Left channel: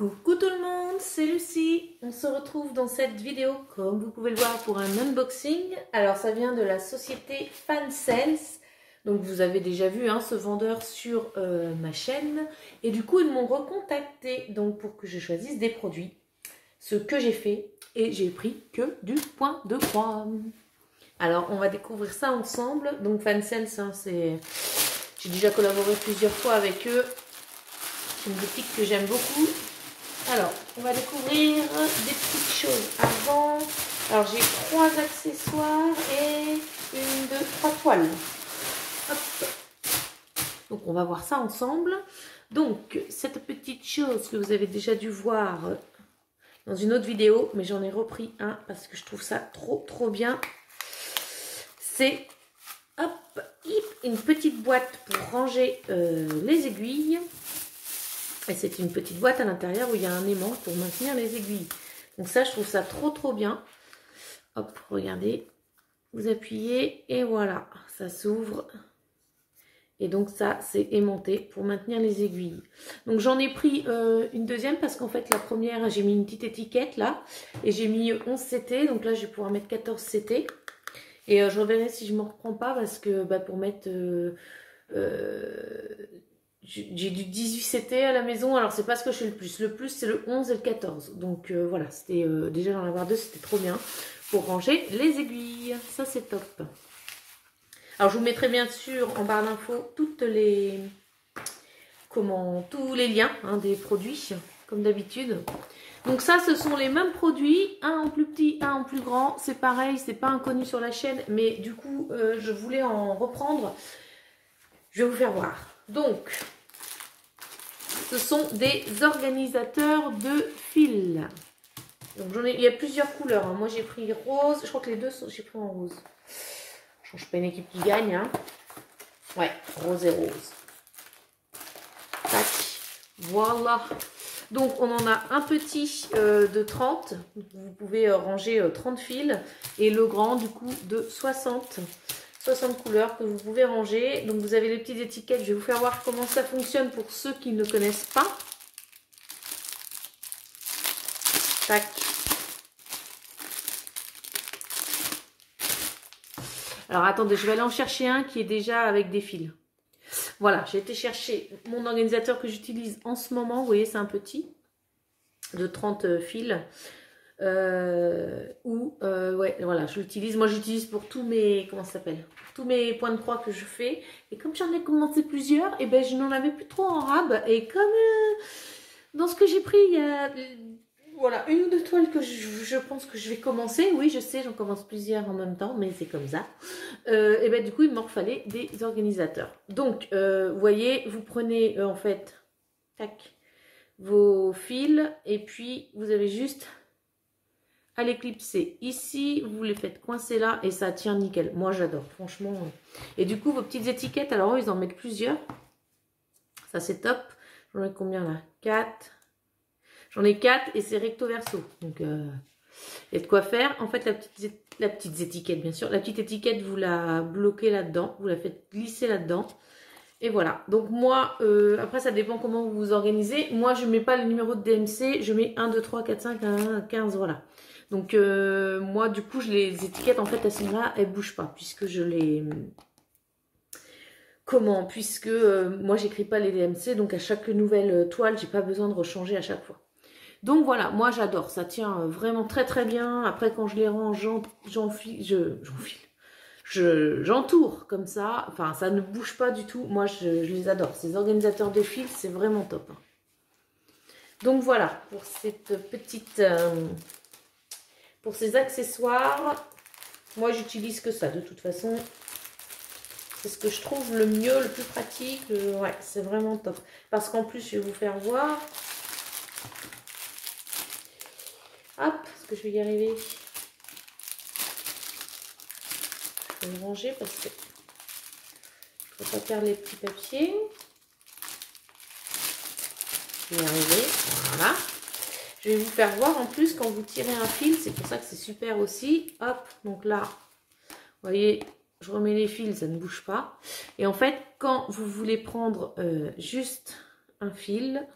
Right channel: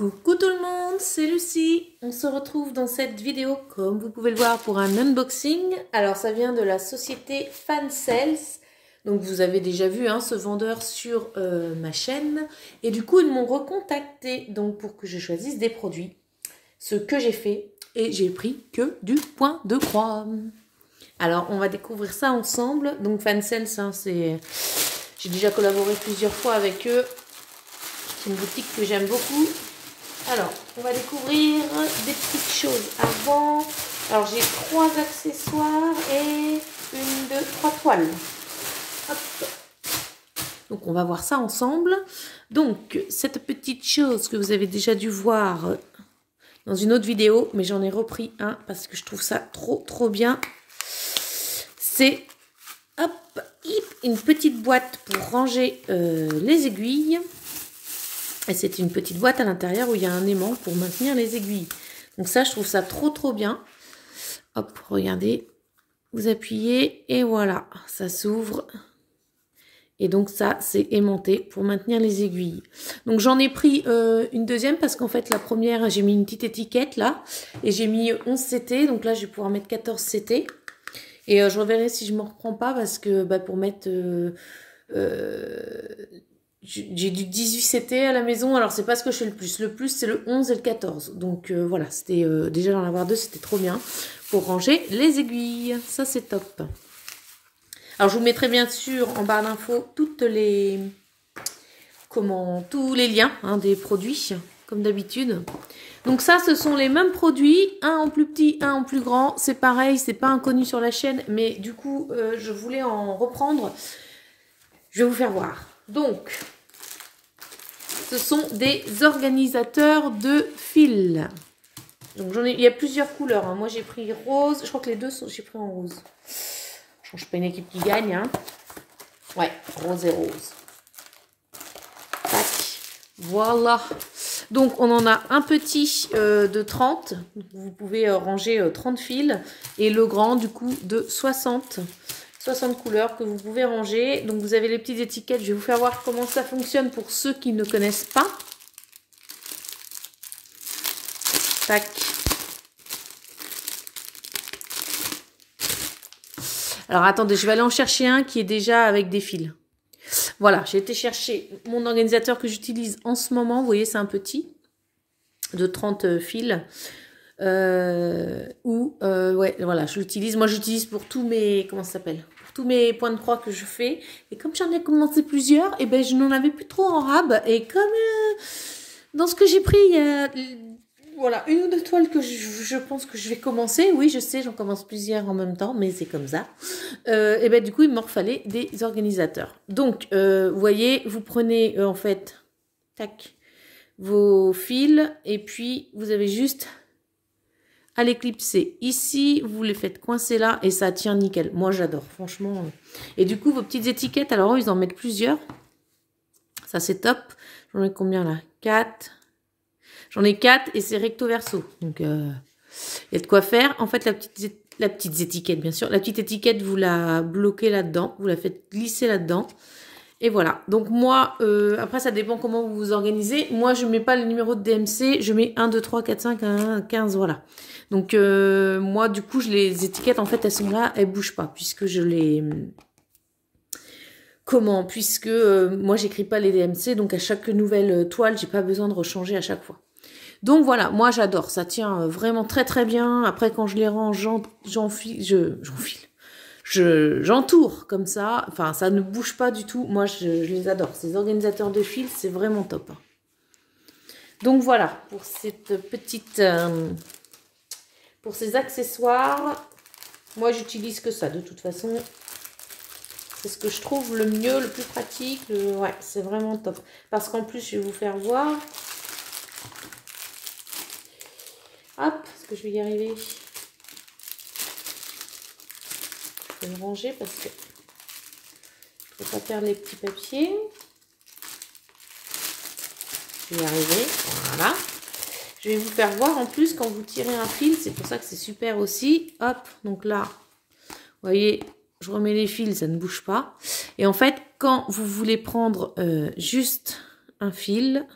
Coucou tout le monde, c'est Lucie. On se retrouve dans cette vidéo, comme vous pouvez le voir, pour un unboxing. Alors ça vient de la société Fansales. Donc vous avez déjà vu ce vendeur sur ma chaîne. Et du coup ils m'ont recontacté donc, pour que je choisisse des produits. Ce que j'ai fait. Et j'ai pris que du point de croix. Alors on va découvrir ça ensemble. Donc Fansales, c'est... J'ai déjà collaboré plusieurs fois avec eux. C'est une boutique que j'aime beaucoup. Alors, on va découvrir des petites choses avant. Alors, j'ai 3 accessoires et 3 toiles. Hop. Donc, on va voir ça ensemble. Donc, cette petite chose que vous avez déjà dû voir dans une autre vidéo, mais j'en ai repris un parce que je trouve ça trop bien. C'est une petite boîte pour ranger les aiguilles. Et c'est une petite boîte à l'intérieur où il y a un aimant pour maintenir les aiguilles. Donc ça, je trouve ça trop bien. Hop, regardez. Vous appuyez et voilà, ça s'ouvre. Et donc ça, c'est aimanté pour maintenir les aiguilles. Donc j'en ai pris une deuxième parce qu'en fait, la première, j'ai mis une petite étiquette là. Et j'ai mis 11 CT. Donc là, je vais pouvoir mettre 14 CT. Et je reverrai si je ne me reprends pas parce que pour mettre... j'ai du 18 CT à la maison, alors c'est pas ce que je fais le plus. Le plus, c'est le 11 et le 14. Donc voilà, c'était déjà d'en avoir deux, c'était trop bien pour ranger les aiguilles. Ça, c'est top. Alors, je vous mettrai bien sûr en barre d'infos tous les liens des produits, comme d'habitude. Donc ça, ce sont les mêmes produits, un en plus petit, un en plus grand. C'est pareil, c'est pas inconnu sur la chaîne, mais du coup, je voulais en reprendre. Je vais vous faire voir. Donc, ce sont des organisateurs de fils. Donc, il y a plusieurs couleurs. Moi, j'ai pris rose. Je crois que les deux, j'ai pris en rose. Je ne change pas une équipe qui gagne. Ouais, rose et rose. Tac. Voilà. Donc, on en a un petit de 30. Vous pouvez ranger 30 fils. Et le grand, du coup, de 60 couleurs que vous pouvez ranger. Donc vous avez les petites étiquettes. Je vais vous faire voir comment ça fonctionne pour ceux qui ne connaissent pas. Tac. Alors attendez, je vais aller en chercher un qui est déjà avec des fils. Voilà, j'ai été chercher mon organisateur que j'utilise en ce moment. Vous voyez, c'est un petit de 30 fils. Ouais, voilà, je l'utilise. Moi, j'utilise pour tous mes... Comment ça s'appelle? Tous mes points de croix que je fais. Et comme j'en ai commencé plusieurs, et ben je n'en avais plus trop en rab. Et comme dans ce que j'ai pris, il y a voilà, une ou deux toiles que je pense que je vais commencer. Oui, je sais, j'en commence plusieurs en même temps, mais c'est comme ça. Et ben du coup, il me fallait des organisateurs. Donc, vous voyez, vous prenez en fait, tac, vos fils. Et puis, vous avez juste... à l'éclipser ici, vous les faites coincer là et ça tient nickel. Moi j'adore, franchement. Et du coup, vos petites étiquettes, alors ils en mettent plusieurs. Ça c'est top. J'en ai combien là? 4. J'en ai 4 et c'est recto verso. Donc il y a de quoi faire. En fait, la petite étiquette, bien sûr. La petite étiquette, vous la bloquez là-dedans. Vous la faites glisser là-dedans. Et voilà, donc moi, après ça dépend comment vous vous organisez. Moi, je ne mets pas les numéros de DMC, je mets 1, 2, 3, 4, 5, 1, 15, voilà. Donc moi, du coup, les étiquettes, en fait, elles sont là, elles ne bougent pas, puisque je les... Comment? Puisque moi, j'écris pas les DMC, donc à chaque nouvelle toile, j'ai pas besoin de rechanger à chaque fois. Donc voilà, moi, j'adore, ça tient vraiment très bien. Après, quand je les range, j'entoure comme ça, enfin ça ne bouge pas du tout, moi je les adore, ces organisateurs de fils c'est vraiment top. Donc voilà, pour cette petite, pour ces accessoires, moi j'utilise que ça de toute façon, c'est ce que je trouve le mieux, le plus pratique, ouais c'est vraiment top, parce qu'en plus je vais vous faire voir, hop, est-ce que je vais y arriver? Je vais le ranger parce que je ne vais pas perdre les petits papiers. Je vais y arriver. Voilà. Je vais vous faire voir en plus quand vous tirez un fil. C'est pour ça que c'est super aussi. Hop, donc là, vous voyez, je remets les fils, ça ne bouge pas. Et en fait, quand vous voulez prendre juste un fil,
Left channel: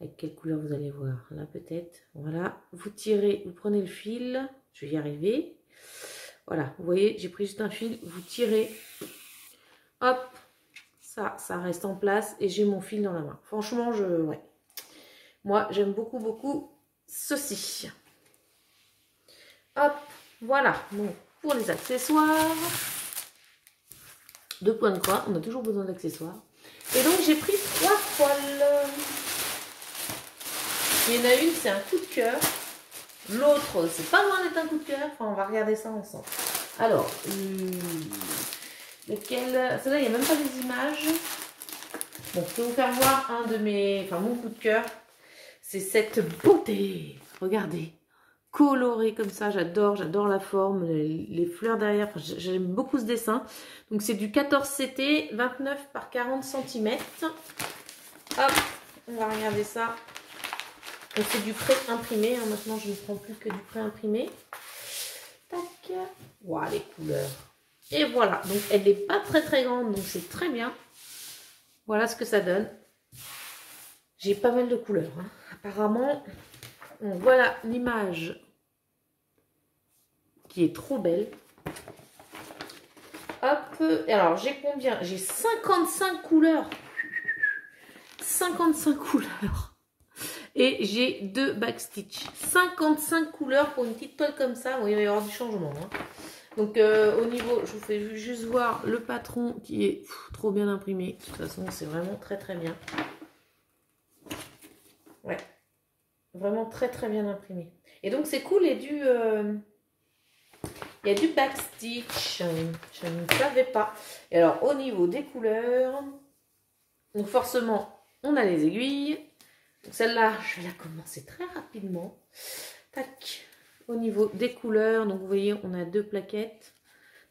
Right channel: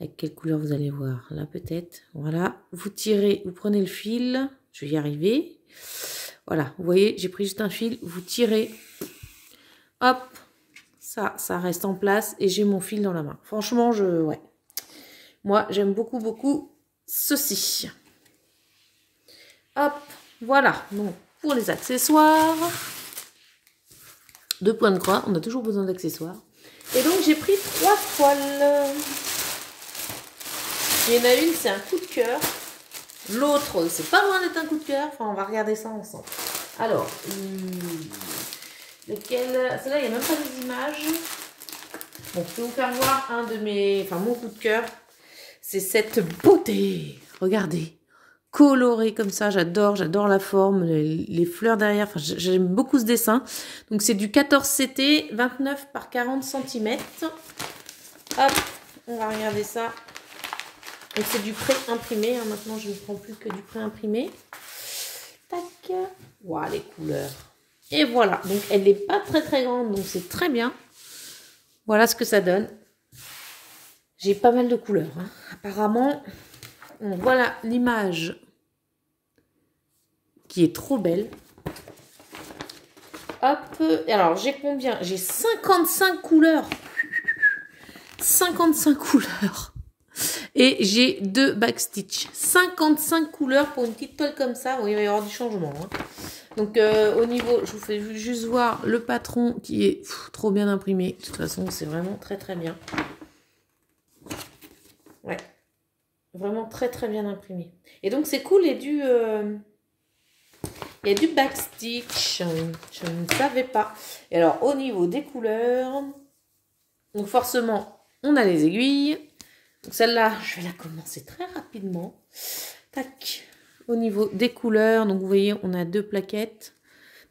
Avec quelle couleur vous allez voir? Là peut-être. Voilà. Vous tirez, vous prenez le fil. Je vais y arriver. Voilà. Vous voyez, j'ai pris juste un fil. Vous tirez. Hop. Ça reste en place. Et j'ai mon fil dans la main. Franchement, ouais. Moi, j'aime beaucoup, beaucoup ceci. Hop. Voilà. Donc, pour les accessoires. 2 points de croix. On a toujours besoin d'accessoires. Et donc, j'ai pris 3 toiles. Il y en a une, c'est un coup de cœur. L'autre, c'est pas loin d'être un coup de cœur. Enfin, on va regarder ça ensemble. Alors, lequel? Celle-là, il n'y a même pas des images. Bon, je peux vous faire voir un de mes... Enfin, mon coup de cœur. C'est cette beauté. Regardez. Coloré comme ça. J'adore la forme. Les fleurs derrière. Enfin, j'aime beaucoup ce dessin. Donc, c'est du 14 CT, 29 par 40 cm. Hop, on va regarder ça. Donc c'est du pré-imprimé. Hein. Maintenant, je ne prends plus que du pré-imprimé. Tac. Waouh, les couleurs. Et voilà. Donc, elle n'est pas très très grande. Donc, c'est très bien. Voilà ce que ça donne. J'ai pas mal de couleurs. Hein. Apparemment, voilà l'image qui est trop belle. Hop. Et alors, j'ai combien? J'ai 55 couleurs. 55 couleurs. Et j'ai 2 backstitch. 55 couleurs pour une petite toile comme ça. Bon, il va y avoir du changement. Hein. Donc, au niveau, je vous fais juste voir le patron qui est trop bien imprimé. De toute façon, c'est vraiment très très bien. Ouais. Vraiment très très bien imprimé. Et donc, c'est cool. Il y a du backstitch. Je ne savais pas. Et alors, au niveau des couleurs, donc forcément, on a les aiguilles. Celle-là, je vais la commencer très rapidement. Tac. Au niveau des couleurs, donc vous voyez, on a 2 plaquettes.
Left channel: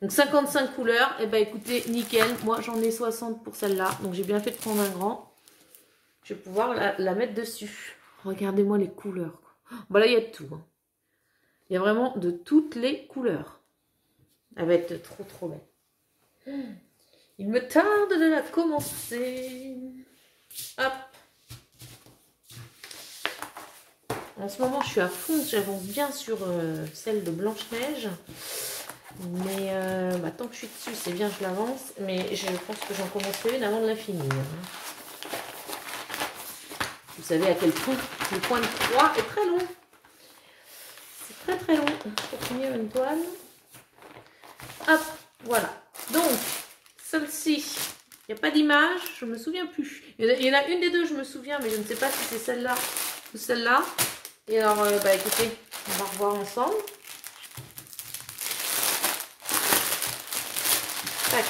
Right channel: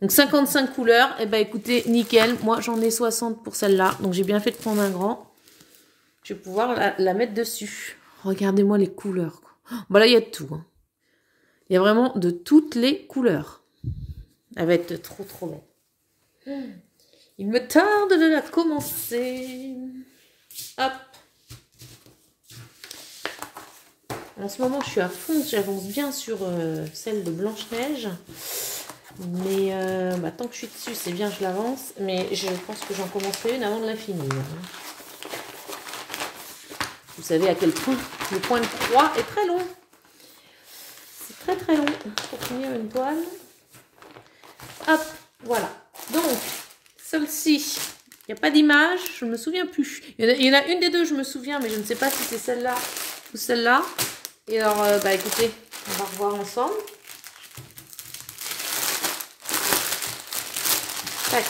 Donc 55 couleurs. Et ben écoutez, nickel. Moi, j'en ai 60 pour celle-là. Donc j'ai bien fait de prendre un grand. Je vais pouvoir la mettre dessus. Regardez-moi les couleurs. Bon, là, il y a de tout. Hein. Il y a vraiment de toutes les couleurs. Elle va être trop, trop belle. Il me tarde de la commencer. Hop. En ce moment, je suis à fond, j'avance bien sur celle de Blanche-Neige. Mais tant que je suis dessus, c'est bien, je l'avance. Mais je pense que j'en commencerai une avant de la finir. Vous savez à quel point le point de croix est très long. C'est très très long pour finir une toile. Hop, voilà. Donc, celle-ci, il n'y a pas d'image, je ne me souviens plus. Il y en a une des deux, je me souviens, mais je ne sais pas si c'est celle-là ou celle-là. Et alors, écoutez, on va revoir ensemble. Tac.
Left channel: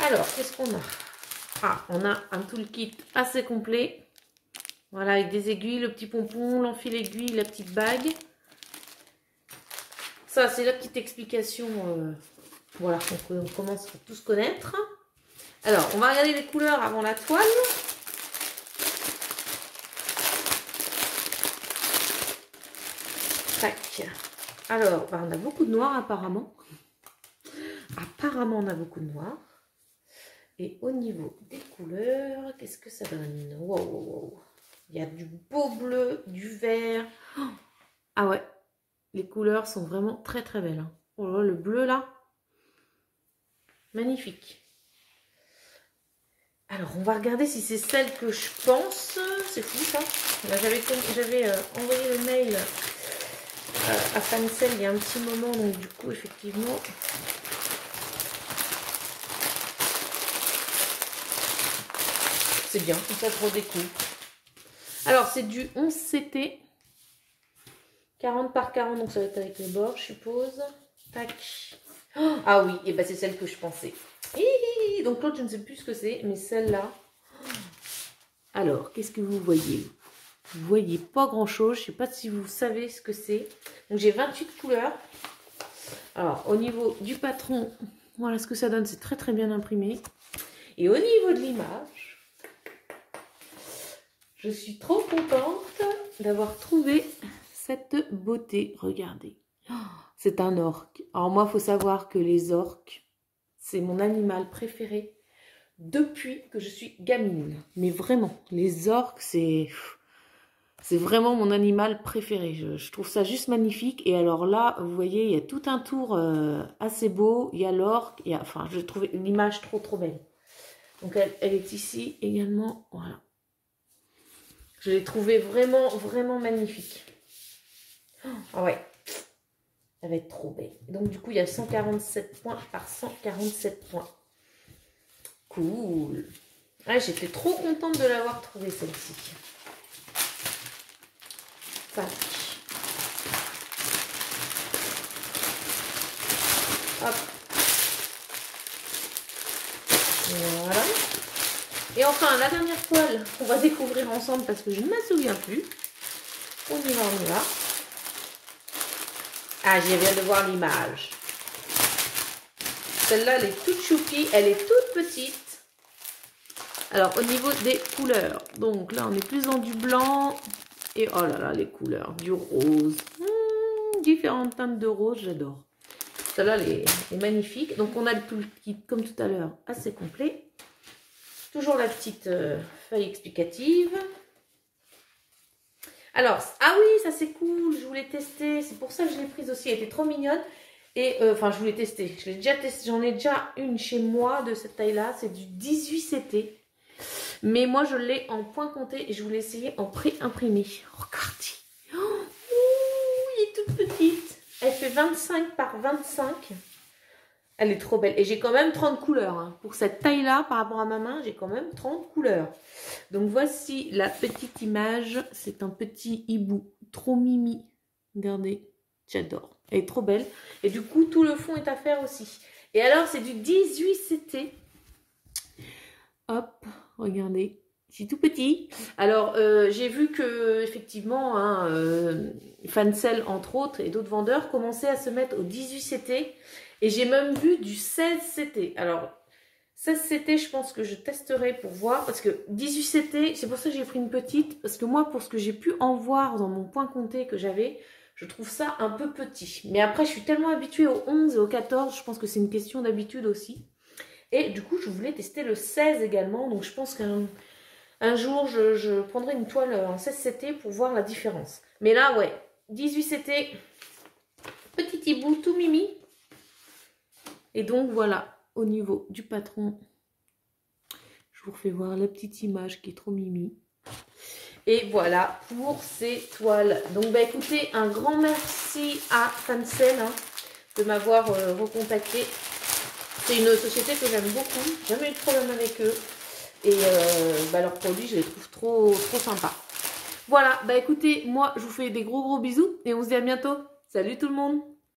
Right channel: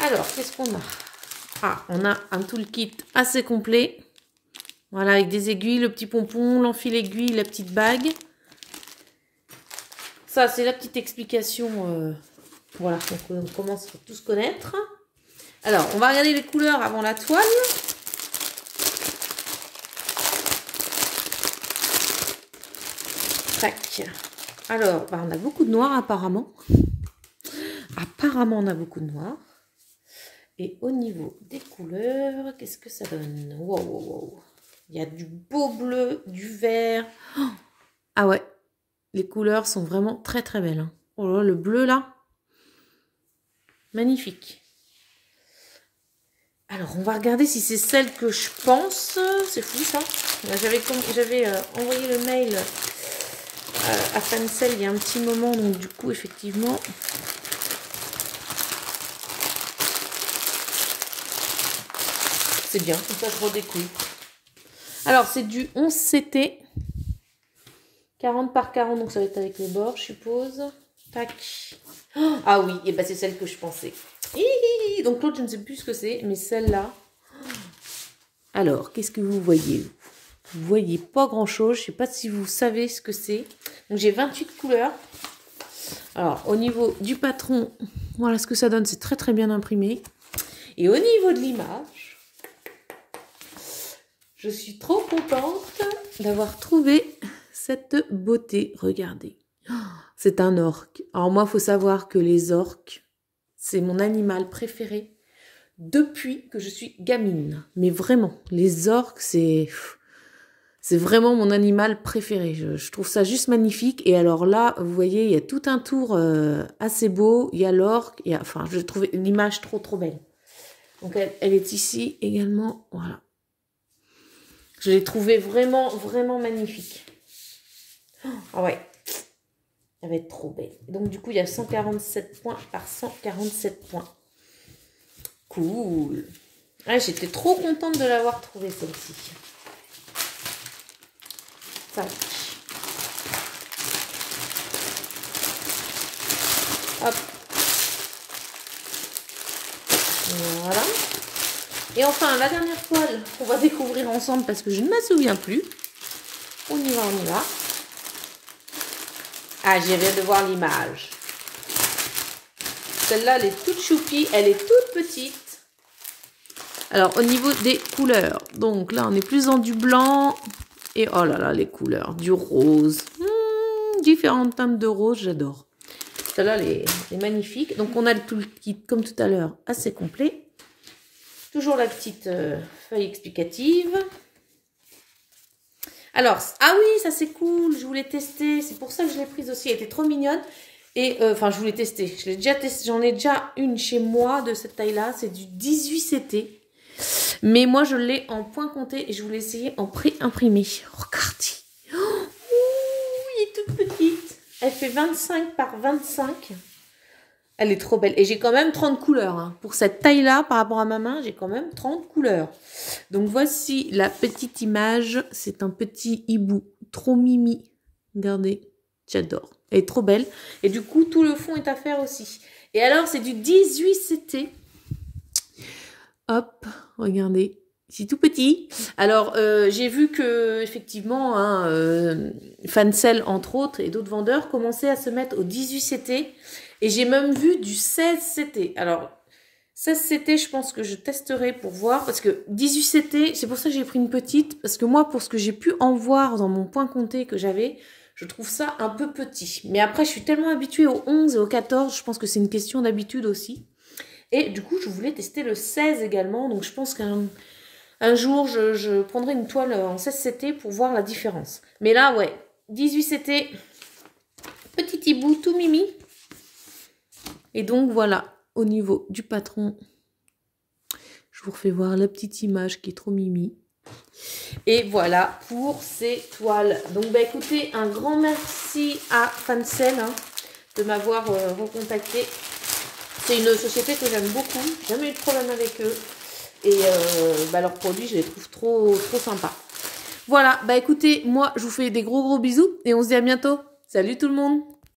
Alors, qu'est-ce qu'on a? Ah, on a un toolkit assez complet. Voilà, avec des aiguilles, le petit pompon, l'enfil aiguille, la petite bague. Ça, c'est la petite explication. Voilà, donc on commence à tous connaître. Alors, on va regarder les couleurs avant la toile. Tac. Alors, on a beaucoup de noir apparemment. Apparemment, on a beaucoup de noir. Et au niveau des couleurs, qu'est-ce que ça donne? Wow, wow, wow. Il y a du beau bleu, du vert. Ah ouais, les couleurs sont vraiment très très belles. Hein. Oh là, le bleu là, magnifique. Alors, on va regarder si c'est celle que je pense. C'est fou ça. J'avais envoyé le mail à Fancel il y a un petit moment, donc du coup, effectivement... C'est bien, comme ça je redécoupe. Alors, c'est du 11 CT. 40 par 40, donc ça va être avec les bords, je suppose. Tac. Oh, ah oui, et ben c'est celle que je pensais. Donc l'autre, je ne sais plus ce que c'est, mais celle-là... Alors, qu'est-ce que vous voyez? Vous voyez pas grand-chose. Je ne sais pas si vous savez ce que c'est. Donc, j'ai 28 couleurs. Alors, au niveau du patron, voilà ce que ça donne. C'est très, très bien imprimé. Et au niveau de l'image, je suis trop contente d'avoir trouvé cette beauté. Regardez. C'est un orque. Alors, moi, il faut savoir que les orques, c'est mon animal préféré. depuis que je suis gamine. Mais vraiment, les orques, c'est vraiment mon animal préféré. Je trouve ça juste magnifique. Et alors là, vous voyez, il y a tout un tour assez beau. Il y a l'orque. Enfin, je trouvais l'image trop belle. Donc, elle est ici également. Voilà. Je l'ai trouvée vraiment magnifique. Ah ouais. Elle va être trop belle. Donc, du coup, il y a 147 points par 147 points. Cool. Ouais, j'étais trop contente de l'avoir trouvée, celle-ci. Ça. Hop. Voilà. Et enfin, la dernière toile qu'on va découvrir ensemble parce que je ne me souviens plus. On y va. Ah, j'y viens de voir l'image. Celle-là, elle est toute choupie, elle est toute petite. Alors, au niveau des couleurs, donc là, on est plus dans du blanc. Et oh là là, les couleurs, du rose. Différentes teintes de rose, j'adore. Celle-là, elle est magnifique. Donc, on a tout le kit, comme tout à l'heure, assez complet. Toujours la petite feuille explicative. Alors, ah oui, ça c'est cool, je voulais tester, c'est pour ça que je l'ai prise aussi, elle était trop mignonne. Et enfin, je voulais tester, j'en ai déjà une chez moi de cette taille-là, c'est du 18CT. Mais moi, je l'ai en point compté et je voulais essayer en pré-imprimé. Regardez, elle est toute petite, elle fait 25 par 25. Elle est trop belle. Et j'ai quand même 30 couleurs. Hein. Pour cette taille-là, par rapport à ma main, j'ai quand même 30 couleurs. Donc, voici la petite image. C'est un petit hibou. Trop mimi. Regardez. J'adore. Elle est trop belle. Et du coup, tout le fond est à faire aussi. Et alors, c'est du 18CT. Hop. Regardez. C'est tout petit. Alors, j'ai vu que effectivement, hein, Fancel, entre autres, et d'autres vendeurs commençaient à se mettre au 18CT. Et j'ai même vu du 16CT. Alors, 16CT, je pense que je testerai pour voir. Parce que 18CT, c'est pour ça que j'ai pris une petite. Parce que moi, pour ce que j'ai pu en voir dans mon point compté que j'avais, je trouve ça un peu petit. Mais après, je suis tellement habituée au 11 et au 14. Je pense que c'est une question d'habitude aussi. Et du coup, je voulais tester le 16 également. Donc, je pense qu'un jour, je prendrai une toile en 16CT pour voir la différence. Mais là, ouais, 18CT, petit hibou tout mimi. Et donc, voilà, au niveau du patron, je vous refais voir la petite image qui est trop mimi. Et voilà pour ces toiles. Donc, bah, écoutez, un grand merci à Fancel hein, de m'avoir recontacté. C'est une société que j'aime beaucoup. J'ai jamais eu de problème avec eux. Et bah, leurs produits, je les trouve trop sympas. Voilà, bah écoutez, moi, je vous fais des gros bisous. Et on se dit à bientôt. Salut tout le monde!